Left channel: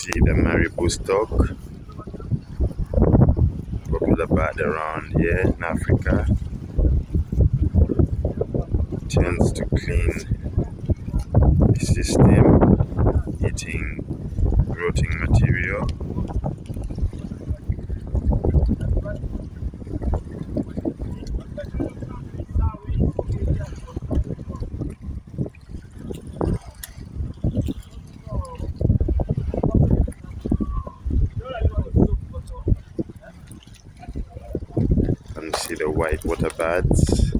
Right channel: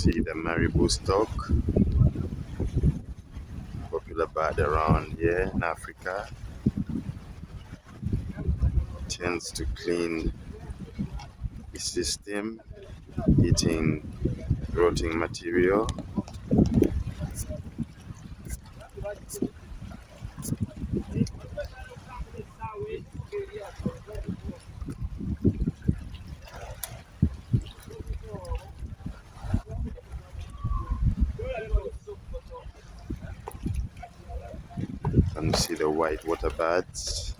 see the marabou stock, popular bird around here in Africa. Tends to clean the system, eating rotting material. And see the white water birds.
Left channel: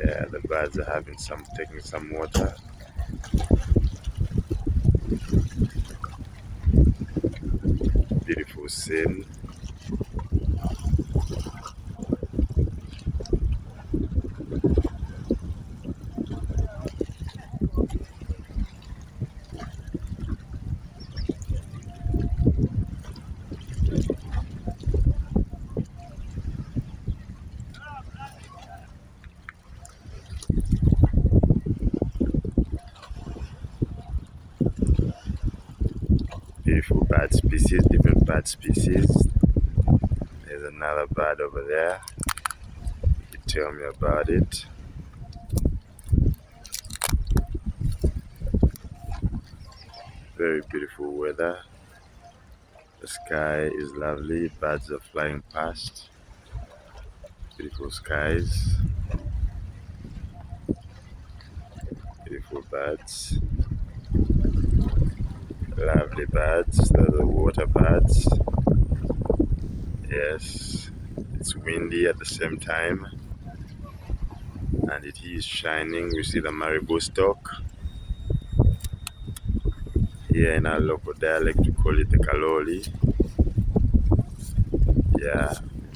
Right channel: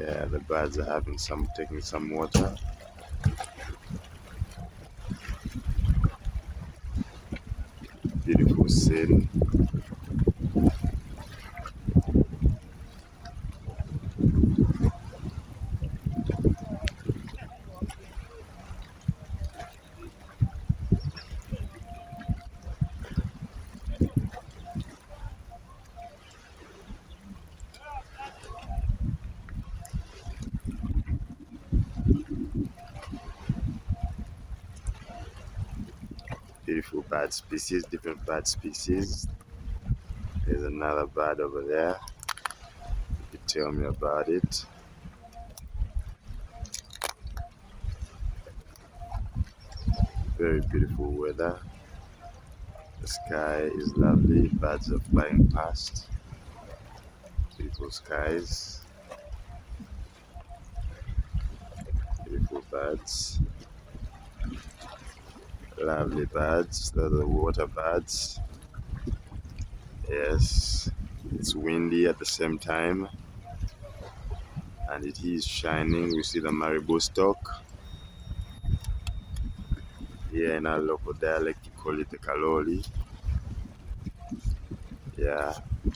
Yeah, the birds are taking some water. Beautiful scene. Beautiful bird species, different bird species. There's another bird over there. You tell me about it. Very beautiful weather. The sky is lovely. Birds are flying past. Beautiful skies. Beautiful birds. Lovely birds. Those are the water birds. Yes, it's windy at the same time, and it is shining. We see the marabou stock. Here in our local dialect, we call it the kaloli. Yeah, it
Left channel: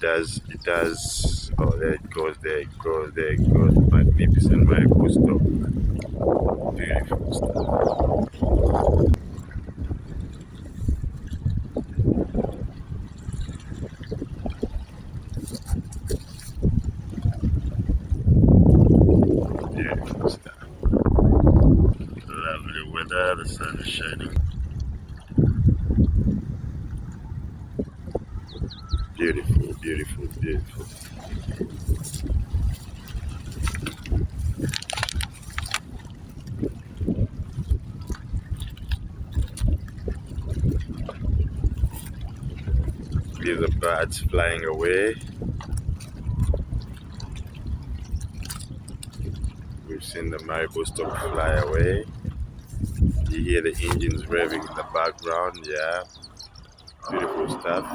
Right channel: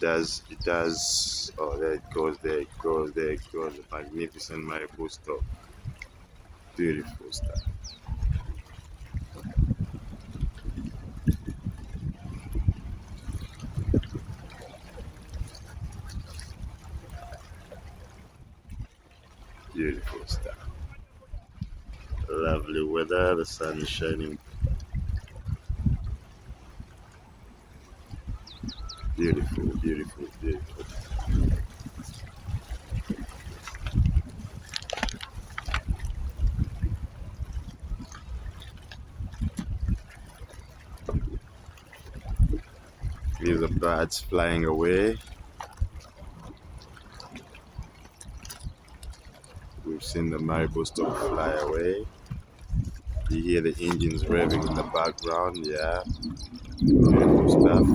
does. Oh, there it goes, there it goes, there it goes. Magnificent marabou stock. Beautiful stuff. Beautiful stuff. Lovely weather, the sun is shining. Beautiful, beautiful, beautiful. These are birds flying away. We've seen the marabou stock fly away. You hear the engines revving in the background, yeah. Beautiful stuff.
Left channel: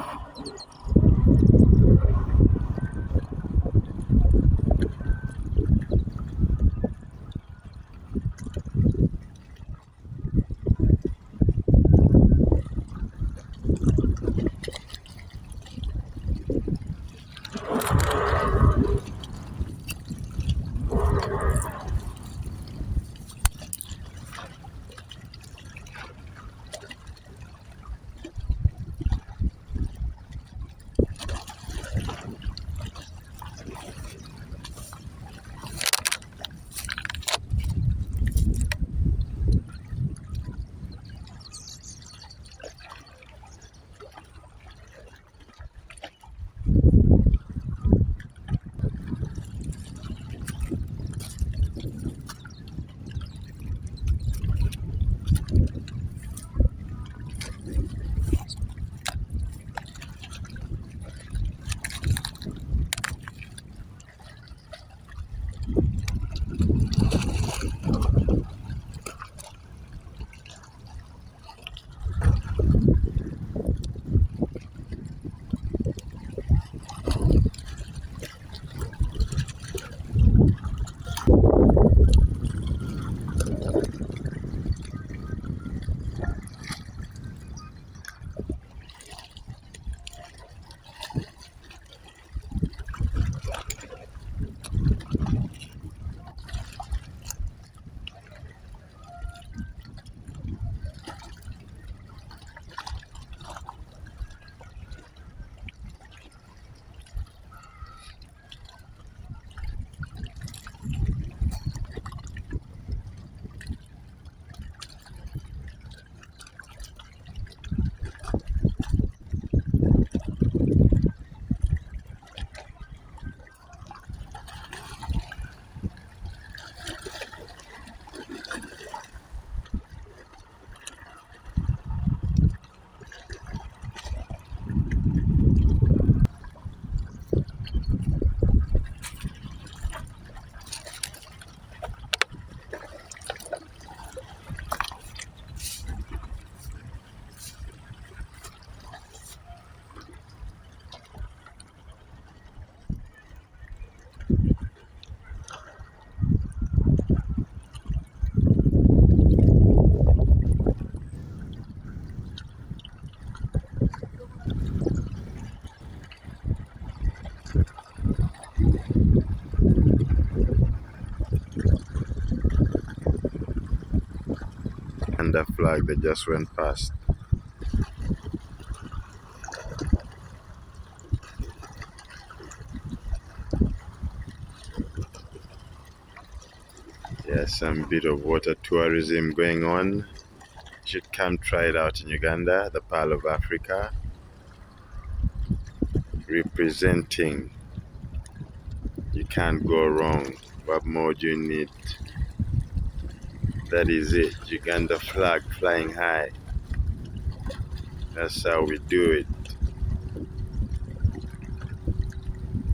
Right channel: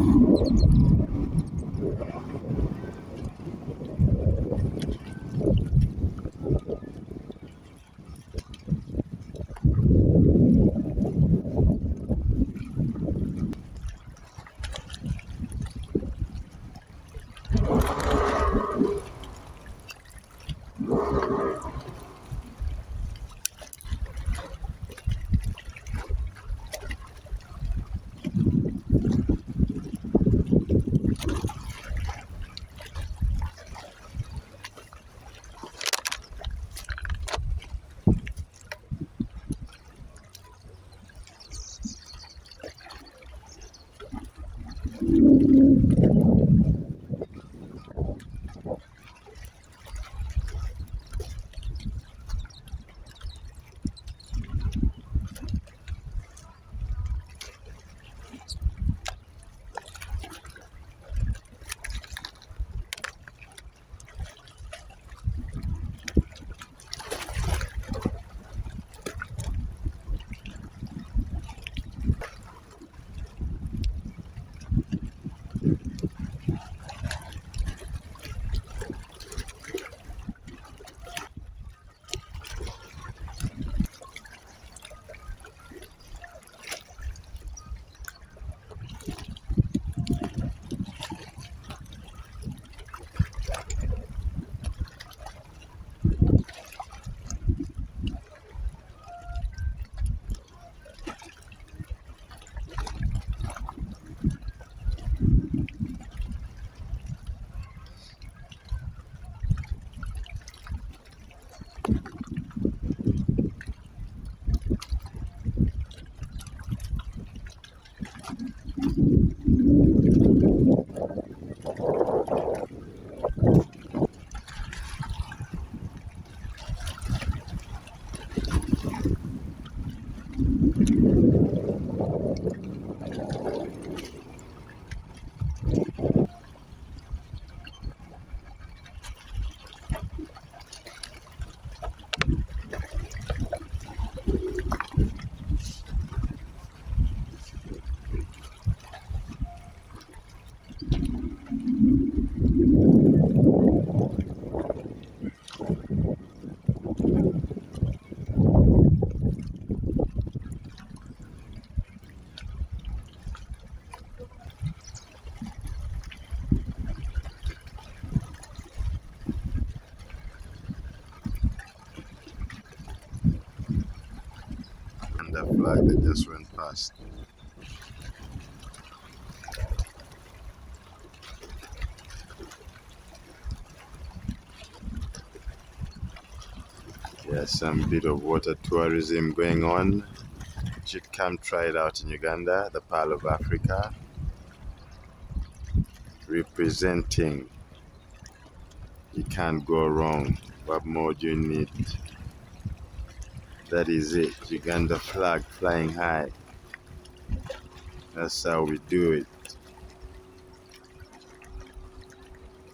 flag, they just went past. There's some bit of water tourism going on. You should come try it out in Uganda, the Pearl of Africa. Representing. You can't go wrong. What more do you need? That is it. Uganda flag flying high. That's how we do it.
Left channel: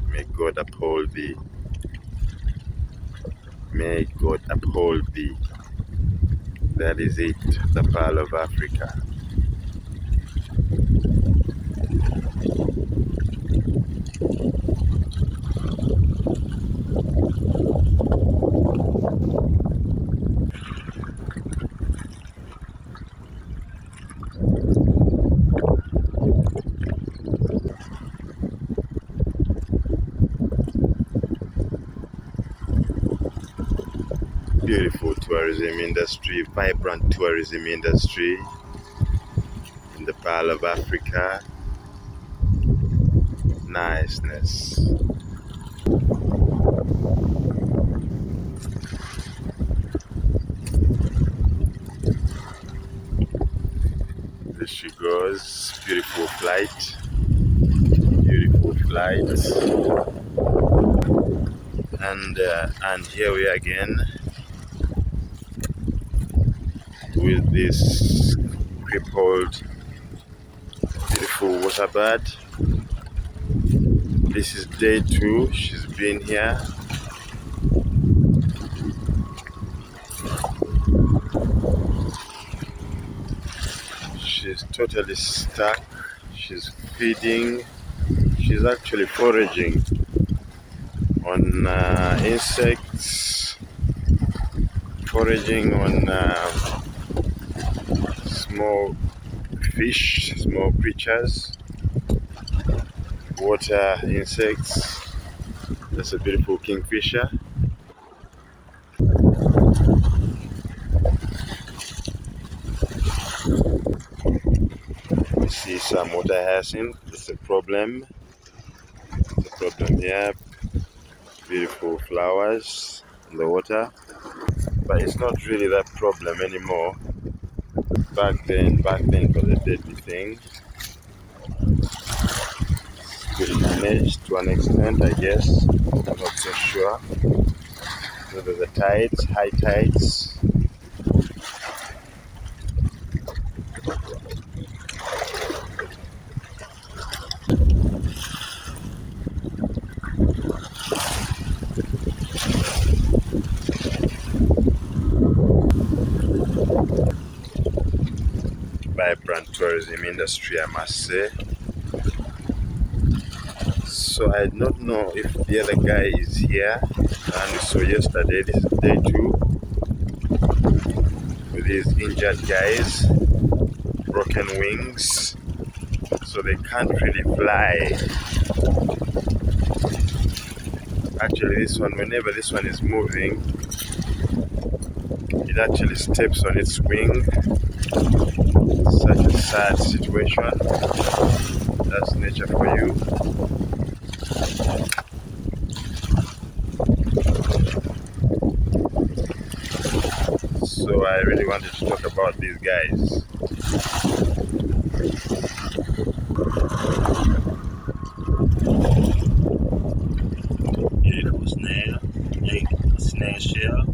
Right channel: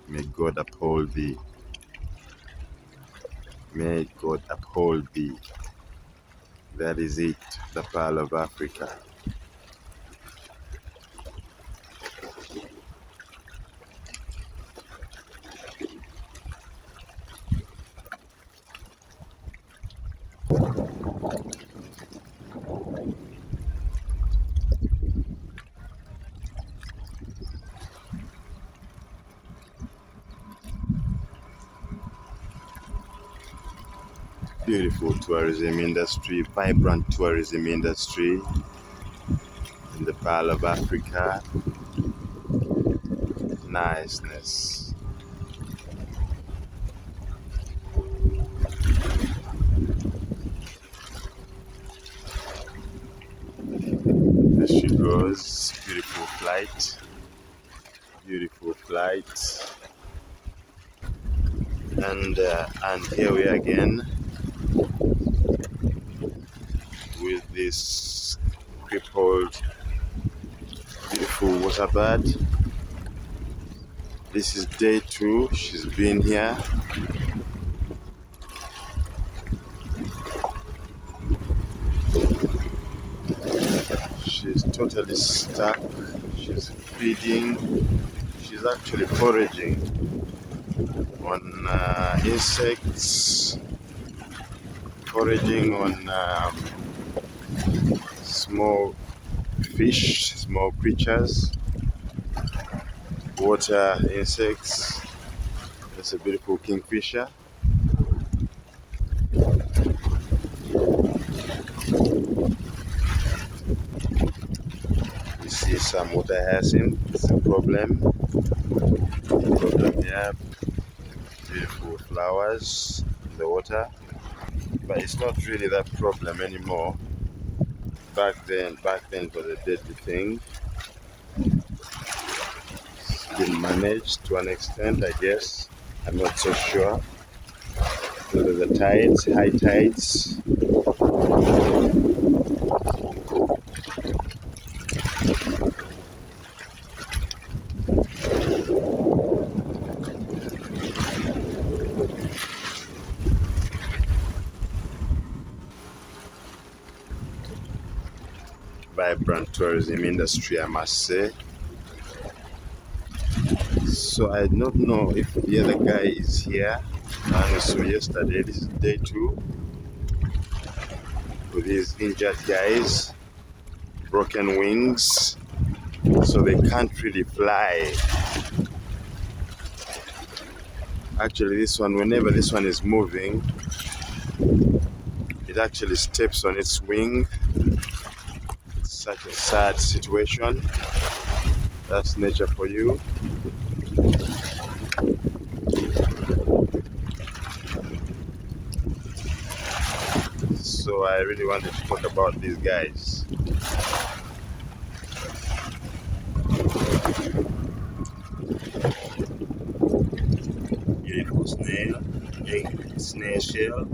May God uphold thee. May God uphold thee. That is it, the Pearl of Africa. Beautiful tourism industry, vibrant tourism industry in the Pearl of Africa. Niceness. There she goes. Beautiful flight. Beautiful flight. And here we are again with this crippled, beautiful waterbird. This is day 2. She's been here. She's totally stuck. She's feeding. She's actually foraging on insects, foraging on small fish, small creatures, water insects. That's a beautiful kingfisher. We see some water hyacinth. It's a problem. Here. Beautiful flowers in the water. But it's not really that problem anymore. Back then it was a deadly thing. Still managed to an extent, I guess. I'm not so sure. Because of the tides, high tides. Vibrant tourism industry, I must say. So I don't know if the other guy is here. And so yesterday, this is day 2 with these injured guys, broken wings, so they can't really fly. Actually, this one, whenever this one is moving, it actually steps on its wing. Such a sad situation. That's nature for you. So I really wanted to talk about these guys. Beautiful snail shell.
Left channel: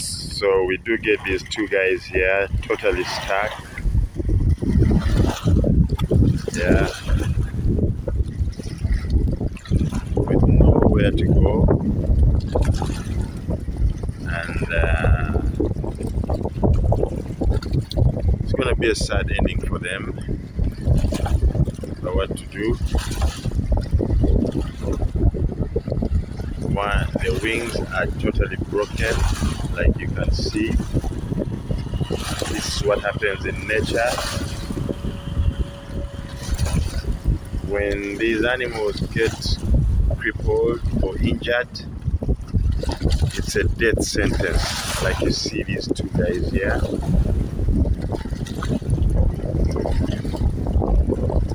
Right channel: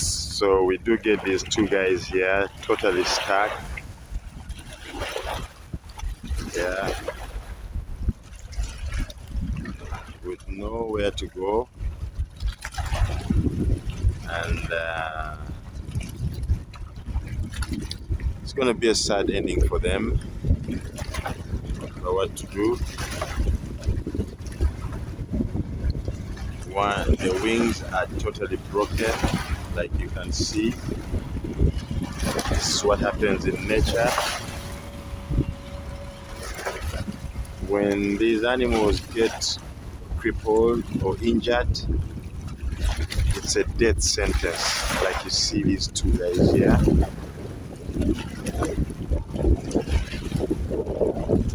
So we do get these 2 guys here, totally stuck. Yeah. With nowhere to go. And it's gonna be a sad ending for them. But what to do? One, their wings are totally broken. like you can see. This is what happens in nature. When these animals get crippled or injured, it's a death sentence. Like you see these two guys here.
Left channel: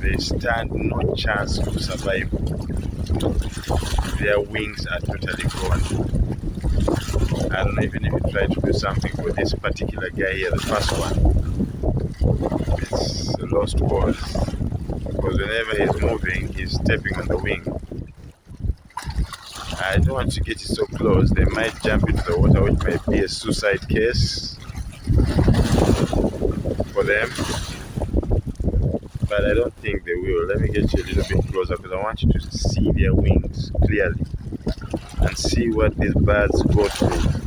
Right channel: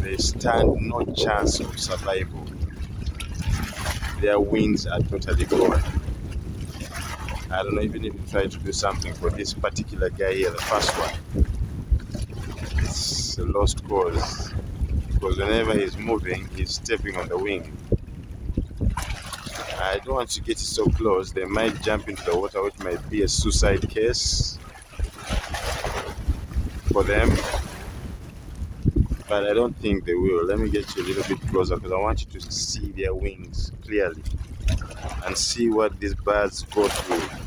They stand no chance of survival. Their wings are totally gone. I don't know, even if you try to do something for this particular guy here, the first one, it's a lost cause. Because whenever he's moving, he's stepping on the wing. I don't want to get it so close. They might jump into the water, which might be a suicide case for them. But I don't think they will. Let me get you a little bit closer because I want you to see their wings clearly and see what these birds go through.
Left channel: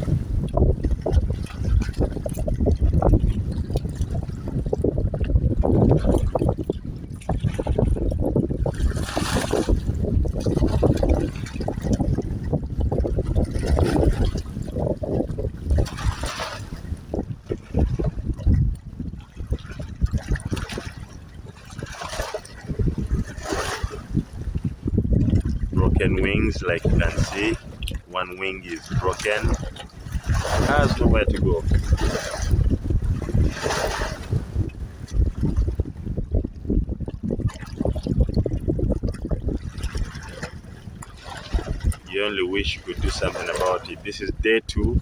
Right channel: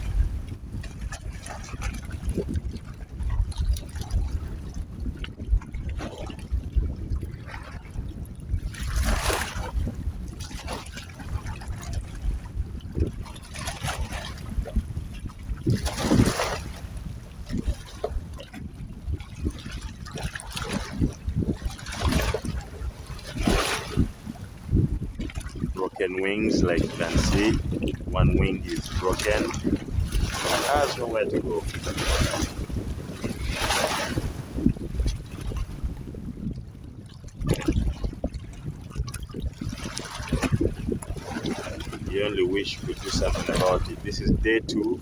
Broken wings, like you can see. One wing is broken. Has nowhere to go. You only wish you could do something about it. This is day 2.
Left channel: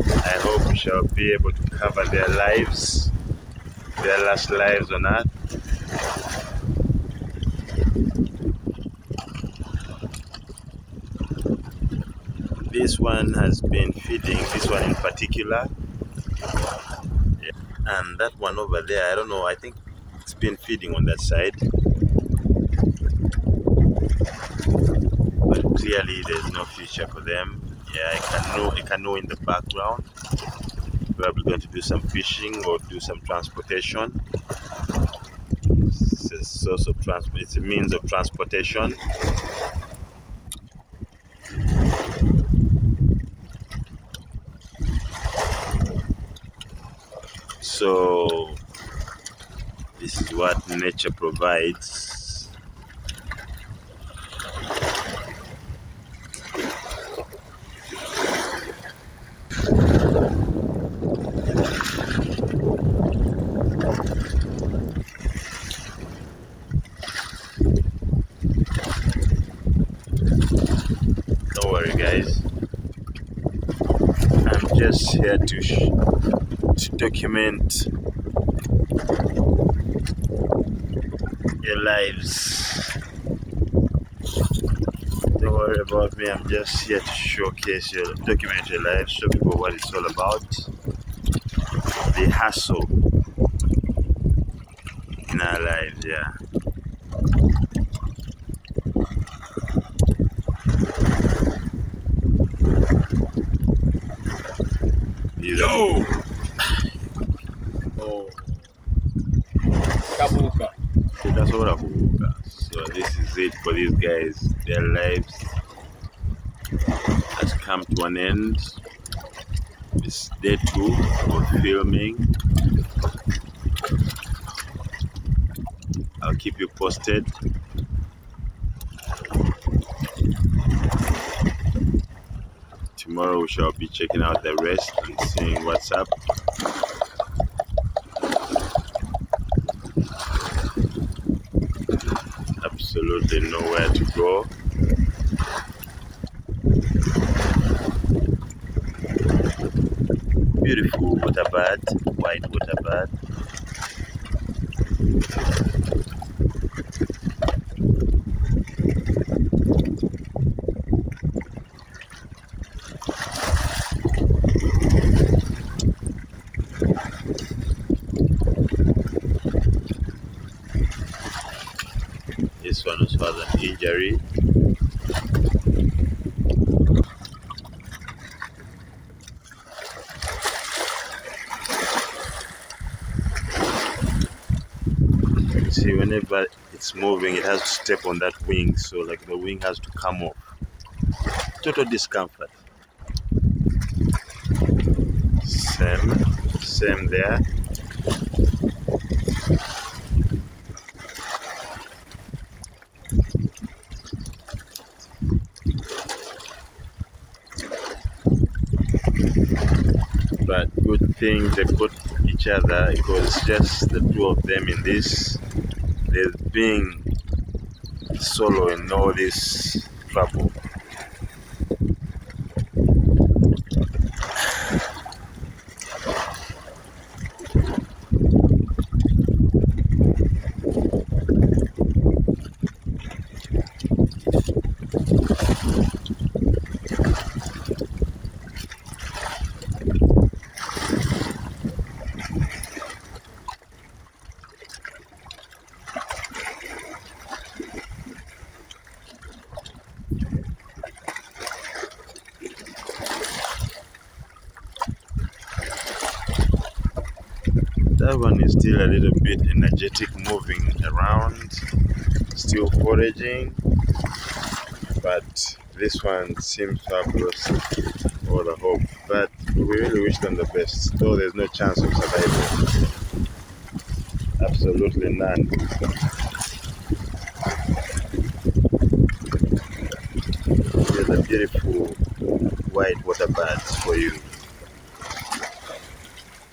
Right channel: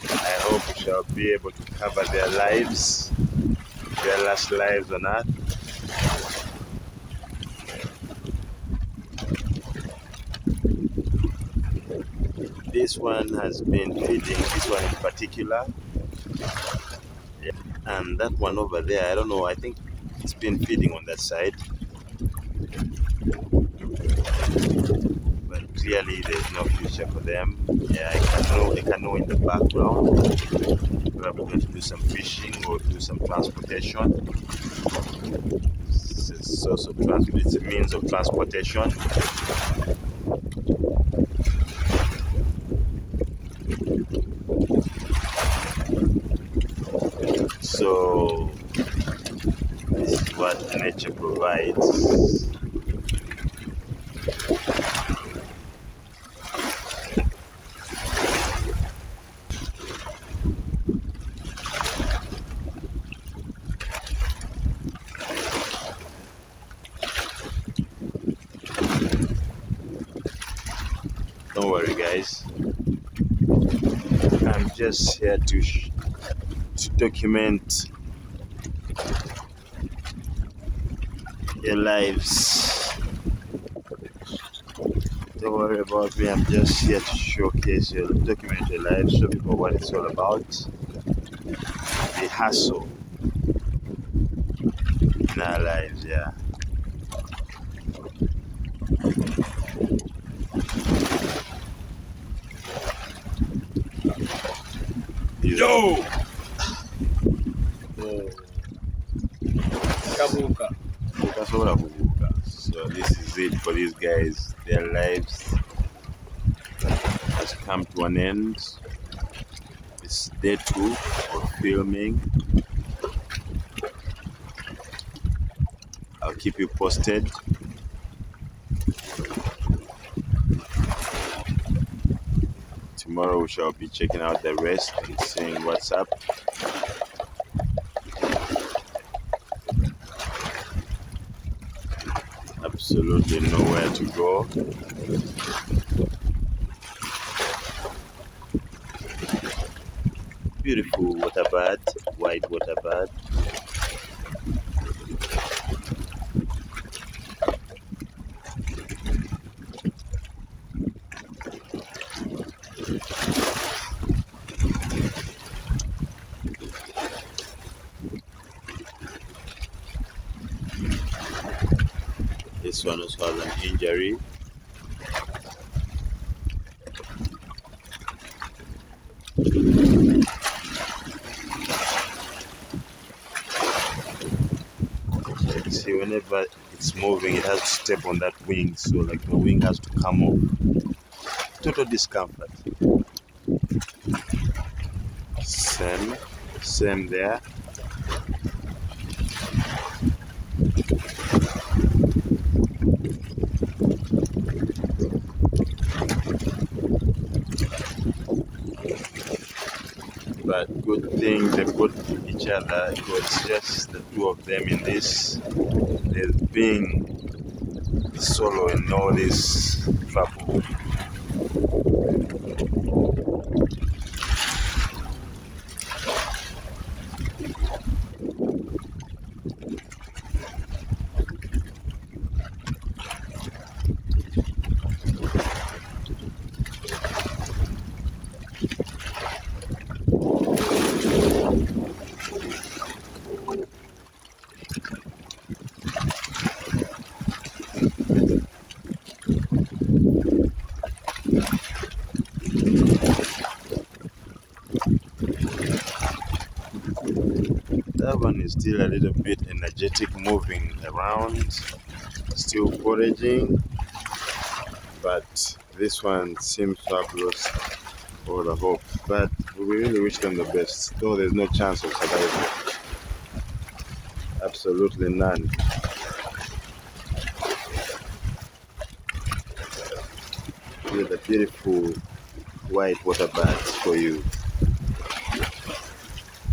I hope we shall be able to cover their lives, their last lives on Earth. This one has been feeding, this one in particular. Yeah. And that one over there, I don't know, I think it's been feeding on that side. But clearly there's no future for them. Yeah, I can know in the background. Probably going to do some fishing or do some transportation. It's a source of transport, it's a means of transportation. So this is what nature provides. Don't worry guys, I'm just here to document your lives. Don't worry about me, I'm just here to showcase document your lives, show people what it's all about. The hustle in our lives, yeah. Yo! Oh. Kabuka. So this is it for these guys. Their lives has come to an end. It's day 2 of filming. I'll keep you posted. Tomorrow we shall be checking out the rest and seeing what's up. Absolutely nowhere to go. Beautiful water bath, white water bath. This one also has an injury. See, whenever it's moving, it has to step on that wing, so like the wing has to come off. Total discomfort. Same there. But good thing they got each other, because just the two of them in this, there's being solo in all this trouble. That one is still a little bit energetic, moving around, still foraging, but this one seems to have lost all the hope. But we really wish them the best, though there's no chance of survival. Absolutely none. There's a beautiful white water birds for you.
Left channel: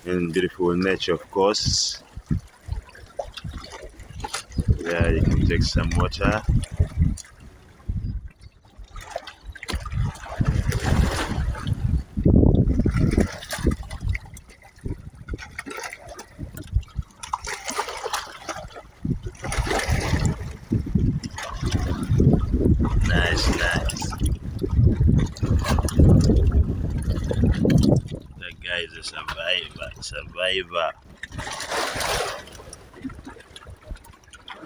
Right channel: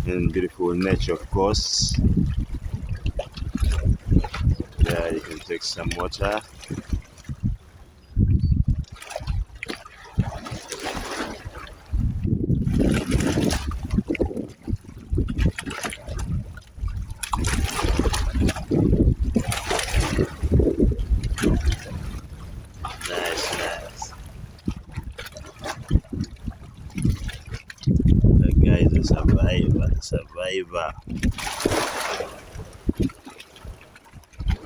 In beautiful nature, of course. Yeah, you can take some water. Nice. That guy is a survivor.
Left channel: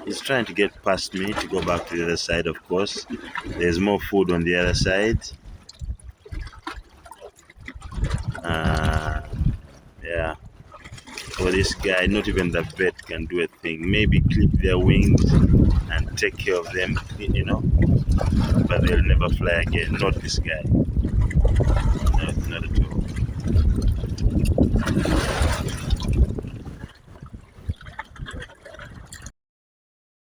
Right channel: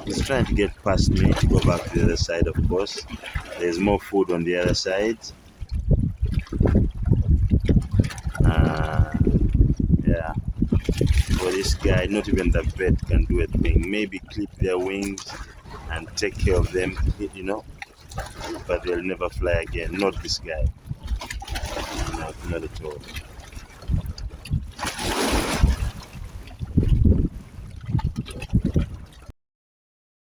He's trying to get past me to go back to the other side, of course. There's more food on the other side. Yeah. For this guy, not even the bird can do a thing. Maybe clip their wings and take care of them, you know. But they'll never fly again. Not this guy. Not at all.